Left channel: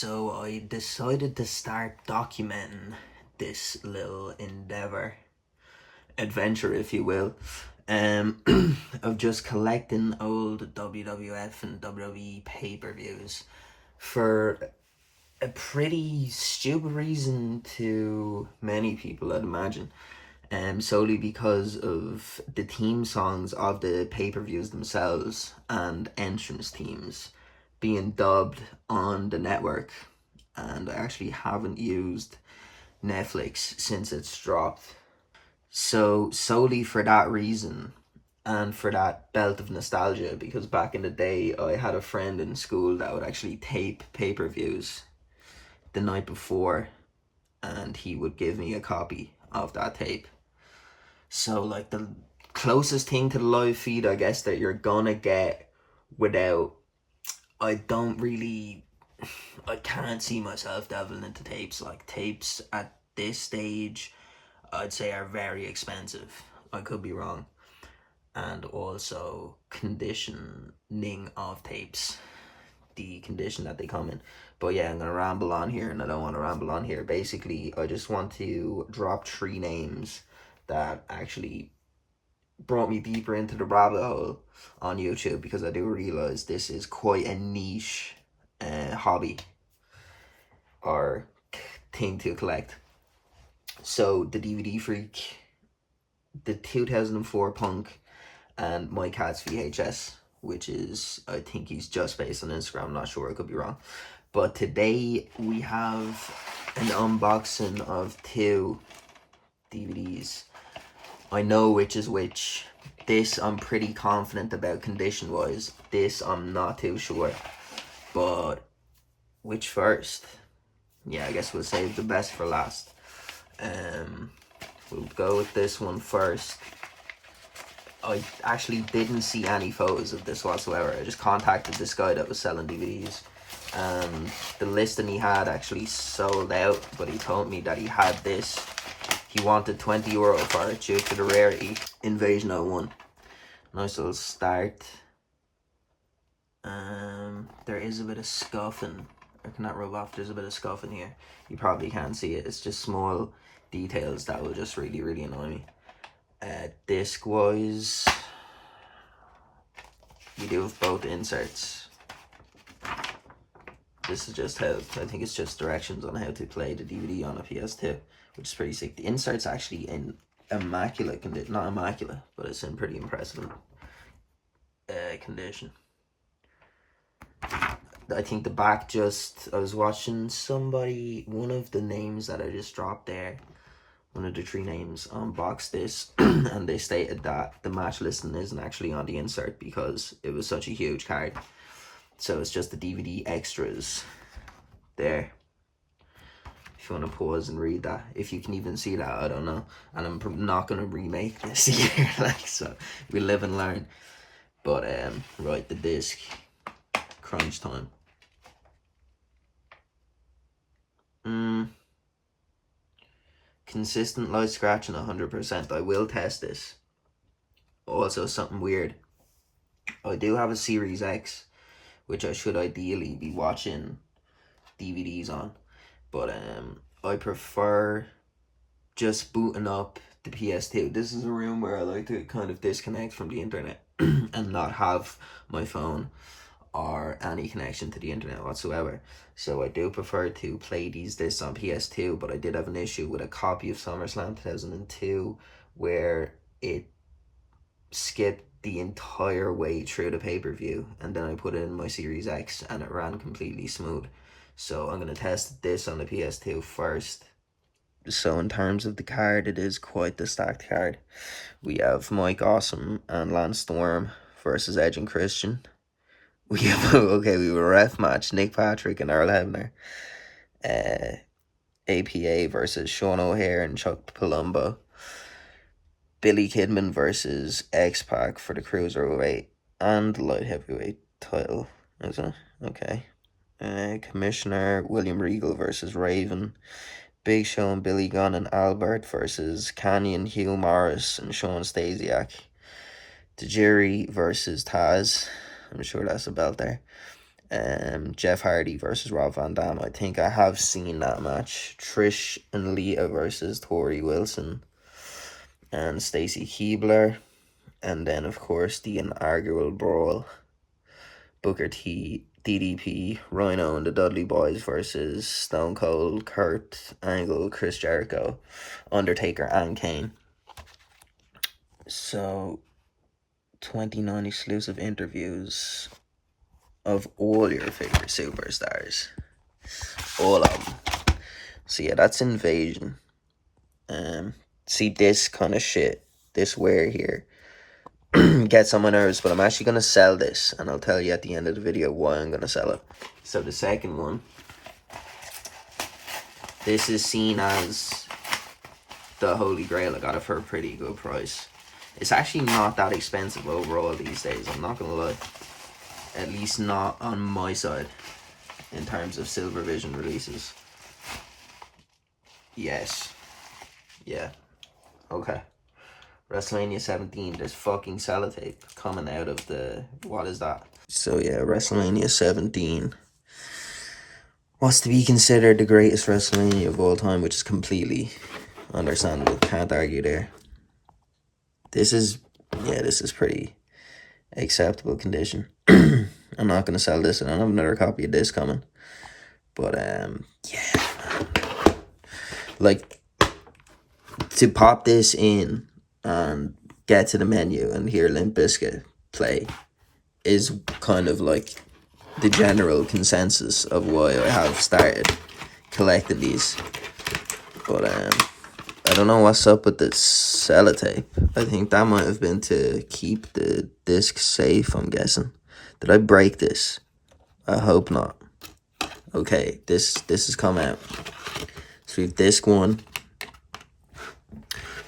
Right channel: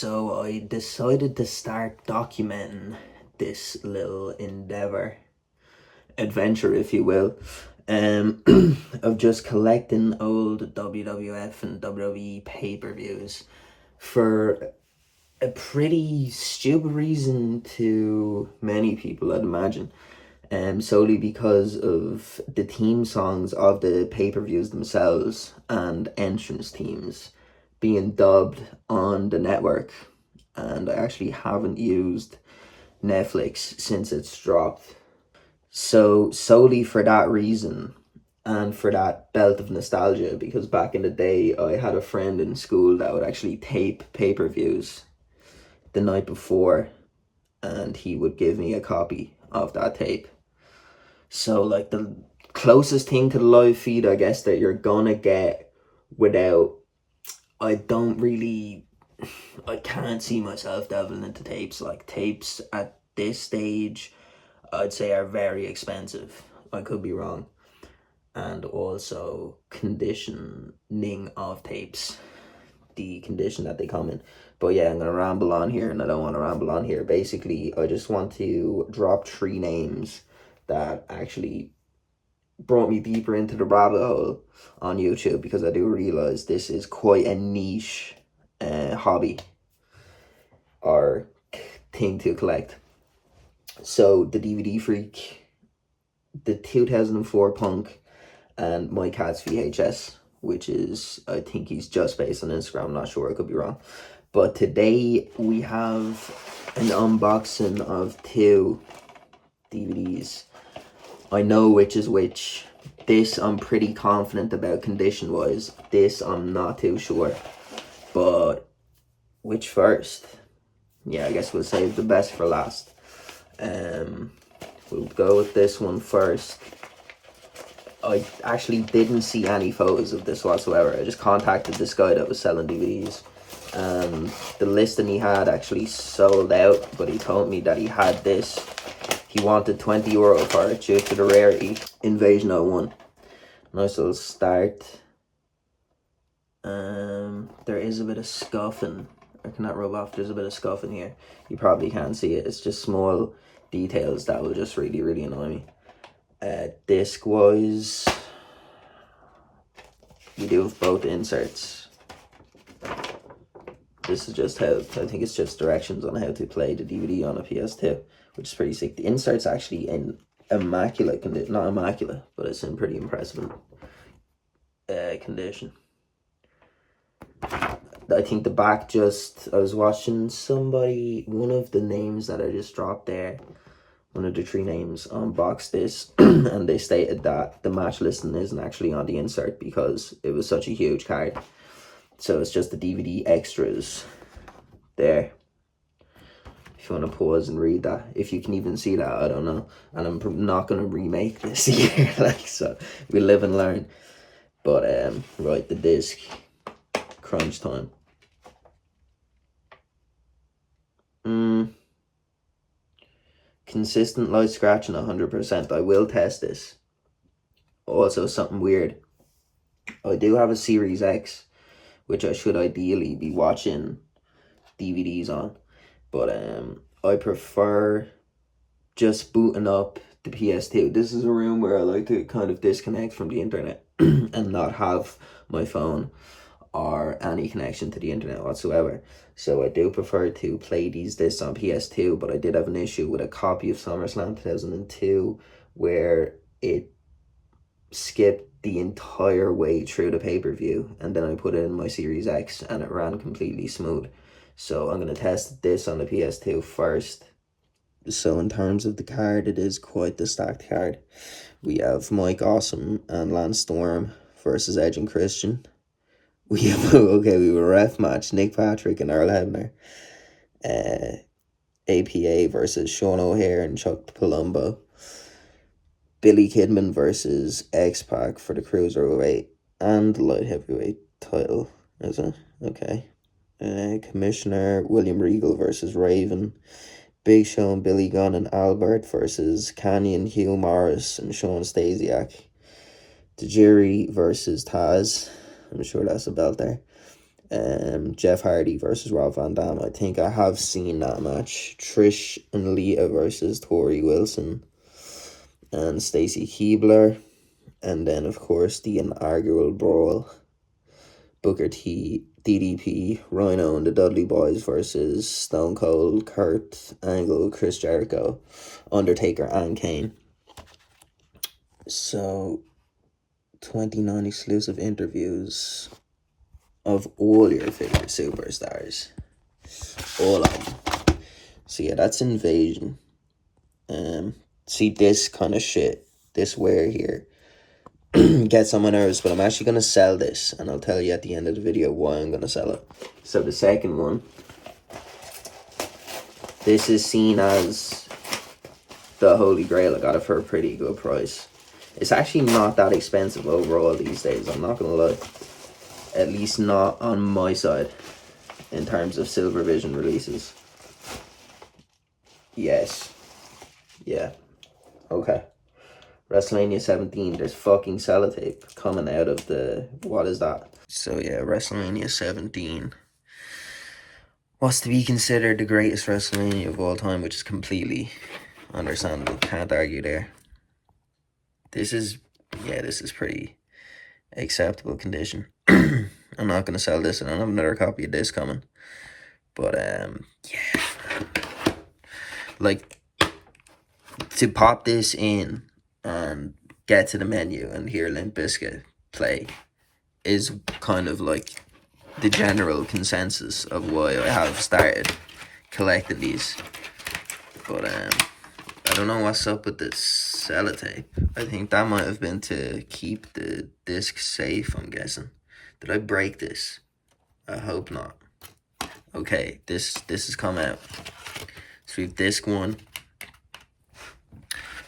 So I decided to start documenting this little adventure, if you will, of just collecting old WWF and WWE pay-per-views for a pretty stupid reason to many people, I'd imagine. Solely because of the theme songs of the pay-per-views themselves and entrance teams being dubbed on the network. And I actually haven't used Netflix since it's dropped. So solely for that reason and for that belt of nostalgia, because back in the day I had a friend in school that would actually tape pay-per-views the night before, and he would give me a copy of that tape. So like the closest thing to the live feed, I guess, that you're gonna get without, I can't see myself delving into tapes. Like tapes at this stage, I'd say are very expensive. I could be wrong. And also conditioning of tapes, the condition that they come in. But yeah, I'm gonna ramble on here, and I don't want to ramble on here. Basically, I just want to drop 3 names that actually brought me deeper into the rabbit hole on YouTube, because I do realize this is quite a niche hobby or thing to collect. So the DVD Freak, the 2004 Punk, and My Cat's VHS, which is, I think he's just based on Instagram, I'm not sure, I could be wrong. But today we have an unboxing of 2 DVDs. I know which is which. This I'm pretty confident about condition wise. This I'm not too sure. But which first? Yeah, I guess we'll save the best for last. We'll go with this one first. I actually didn't see any photos of this whatsoever. I just contacted this guy that was selling DVDs. The listing he had actually sold out, but he told me that he had this. He wanted €20 for it due to the rarity. Invasion 01. Nice little start. There is a bit of scuffing. I cannot rub off. There's a bit of scuffing here. You probably can't see it. It's just small details that will just really, really annoy me. Disc wise, we do have both inserts. This is just how, I think it's just directions on how to play the DVD on a PS2, which is pretty sick. The insert's actually in immaculate condition, not immaculate, but it's in pretty impressive condition. I think the back just, I was watching somebody, one of the names that I just dropped there, one of the 3 names unboxed this, and they stated that the match listing isn't actually on the insert because it was such a huge card. So it's just the DVD extras there. If you want to pause and read that, if you can even see that, I don't know. And I'm not going to remake this year, so we live and learn. But right, the disc, crunch time. Consistent light scratching 100%. I will test this. Also, something weird, I do have a Series X, which I should ideally be watching DVDs on, but I prefer just booting up the PS2. This is a room where I like to kind of disconnect from the internet and not have my phone or any connection to the internet whatsoever. So I do prefer to play discs on PS2, but I did have an issue with a copy of SummerSlam 2002 where it skipped the entire way through the pay-per-view, and then I put it in my Series X and it ran completely smooth. So I'm going to test this on the PS2 first. So in terms of the card, it is quite the stacked card. We have Mike Awesome and Lance Storm versus Edge and Christian. We have we have a ref match, Nick Patrick and Earl Hebner. APA versus Sean O'Hare and Chuck Palumbo. Billy Kidman versus X-Pac for the Cruiserweight and Light Heavyweight title, is it? Okay. Commissioner William Regal versus Raven. Big Show and Billy Gunn and Albert versus Canyon, Hugh Morris and Sean Stasiak. Tajiri versus Taz. I'm sure that's a belt there. Jeff Hardy versus Rob Van Dam. I think I have seen that match. Trish and Lita versus Tori Wilson and Stacy Keibler. And then, of course, the inaugural brawl. Booker T, DDP, Rhino and the Dudley Boys versus Stone Cold, Kurt Angle, Chris Jericho, Undertaker, and Kane. So, 29 exclusive interviews of all your favorite superstars. All of them. So yeah, that's Invasion. See, this kind of shit, this wear here, gets on my nerves, but I'm actually going to sell this, and I'll tell you at the end of the video why I'm going to sell it. So the second one, this is seen as the Holy Grail. I got it for a pretty good price. It's actually not that expensive overall these days, I'm not going to lie. At least not on my side, in terms of Silver Vision releases. Yes. Yeah. Okay. WrestleMania 17, there's fucking sellotape coming out of the, what is that? So yeah, WrestleMania 17. What's to be considered the greatest WrestleMania of all time, which is completely understandable. Can't argue there. This is pretty acceptable condition. I'm not going to sell this. I don't have another copy of this coming. But, yeah. Like, to pop this in and get to the menu and hear Limp Bizkit play is kind of like the general consensus of why I have started collecting these. But, I don't know what's up with this sellotape. I think that might have been to keep the disc safe, I'm guessing. Did I break this? I hope not. Okay, this has come out. So we have disc 1.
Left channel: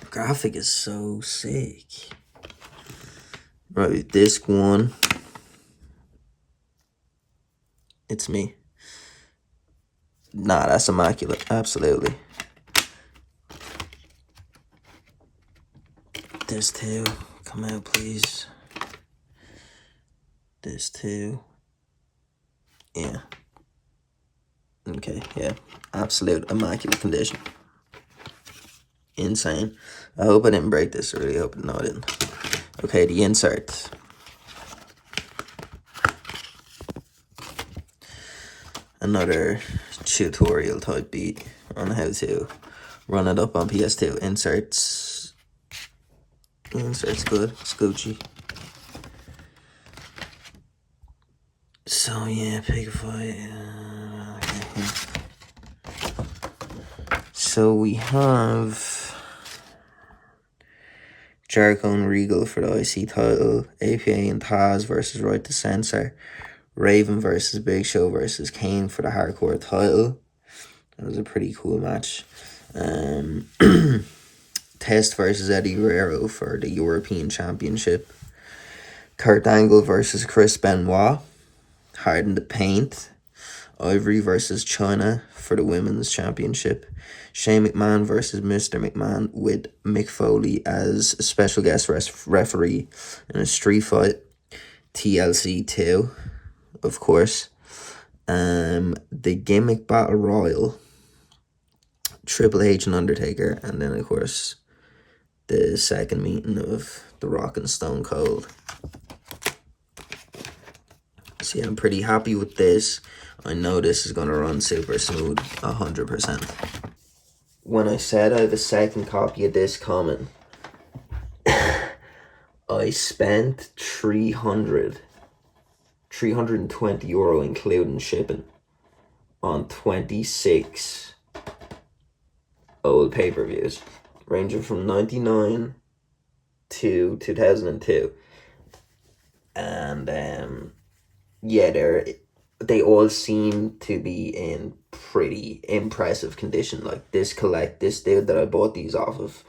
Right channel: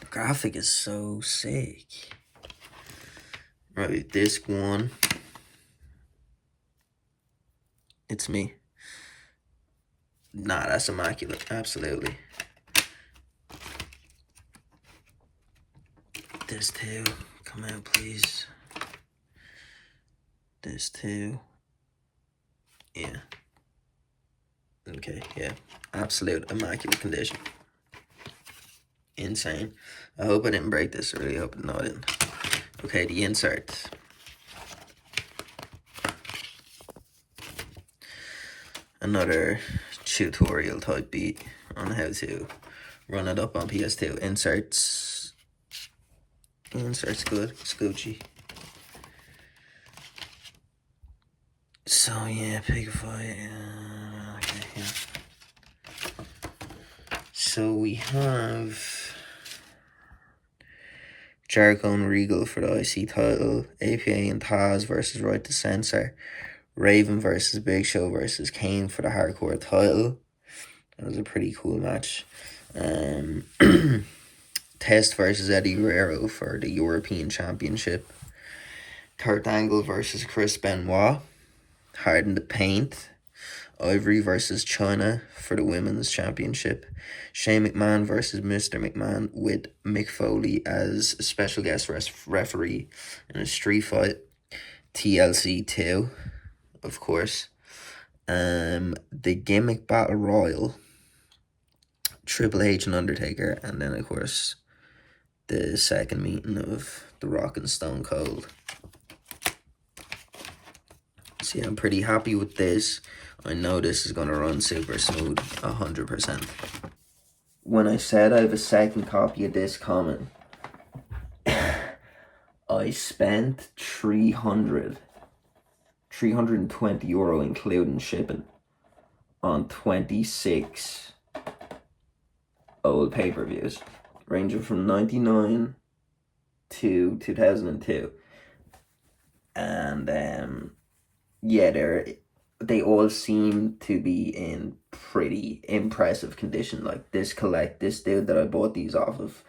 The graphic is so sick. Right, disc 1. It's me. Nah, that's immaculate. Absolutely. Disc 2. Come out, please. Disc 2. Yeah. Okay, yeah. Absolute immaculate condition. Insane. I hope I didn't break this. I really hope. No, I didn't. Okay, the inserts. Another tutorial type beat on how to run it up on PS2. Inserts. Inserts good. It's Gucci. So yeah, Pigify. Okay. So we have Jericho and Regal for the IC title, APA and Taz versus Right to Censor, Raven versus Big Show versus Kane for the hardcore title. That was a pretty cool match. Test versus Eddie Guerrero for the European Championship. Kurt Angle versus Chris Benoit. Hard in the Paint. Ivory versus China for the Women's Championship. Shane McMahon versus Mr. McMahon with Mick Foley as a special guest referee in a street fight. TLC 2, of course. The Gimmick Battle Royal. Triple H and Undertaker. And then, of course, the second meeting of The Rock and Stone Cold. So yeah, I'm pretty happy with this. I know this is going to run super smooth, 100%. When I said I have a second copy of this coming, I spent 320 euro including shipping on 26 old pay-per-views, ranging from 99 to 2002. And yeah, they all seem to be in pretty impressive condition. Like this dude that I bought these off of,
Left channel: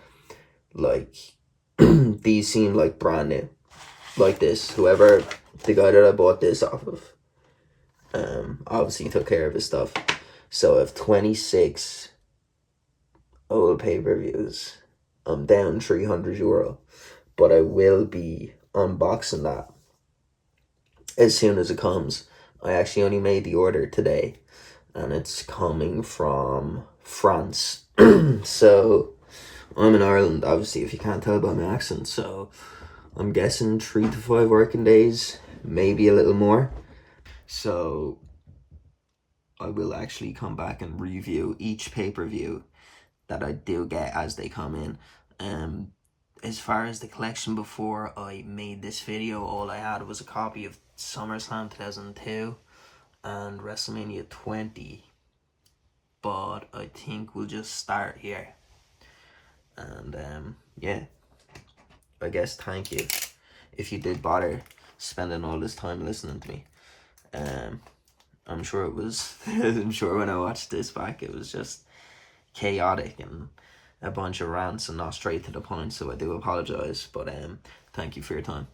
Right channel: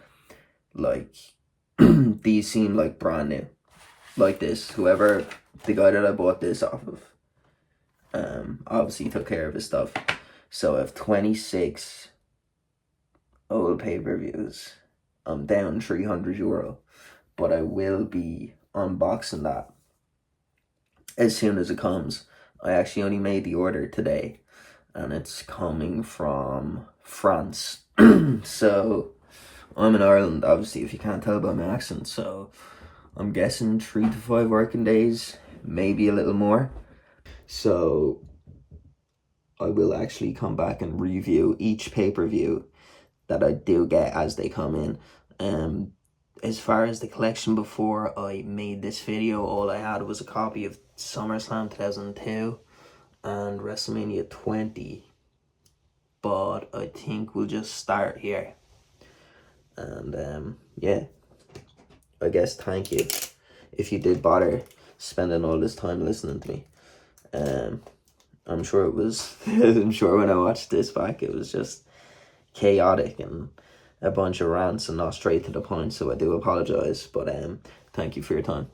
like these seem like brand new. Like this, the guy that I bought this off of, obviously took care of his stuff. So I have 26 old pay-per-views. I'm down 300 euro, but I will be unboxing that as soon as it comes. I actually only made the order today, and it's coming from France. So I'm in Ireland, obviously, if you can't tell by my accent. So I'm guessing 3 to 5 working days, maybe a little more. So I will actually come back and review each pay-per-view that I do get as they come in. As far as the collection, before I made this video, all I had was a copy of SummerSlam 2002 and WrestleMania 20. But I think we'll just start here. And yeah, I guess thank you if you did bother spending all this time listening to me. I'm sure it was, I'm sure when I watched this back, it was just chaotic and a bunch of rants and not straight to the point, so I do apologize, but thank you for your time.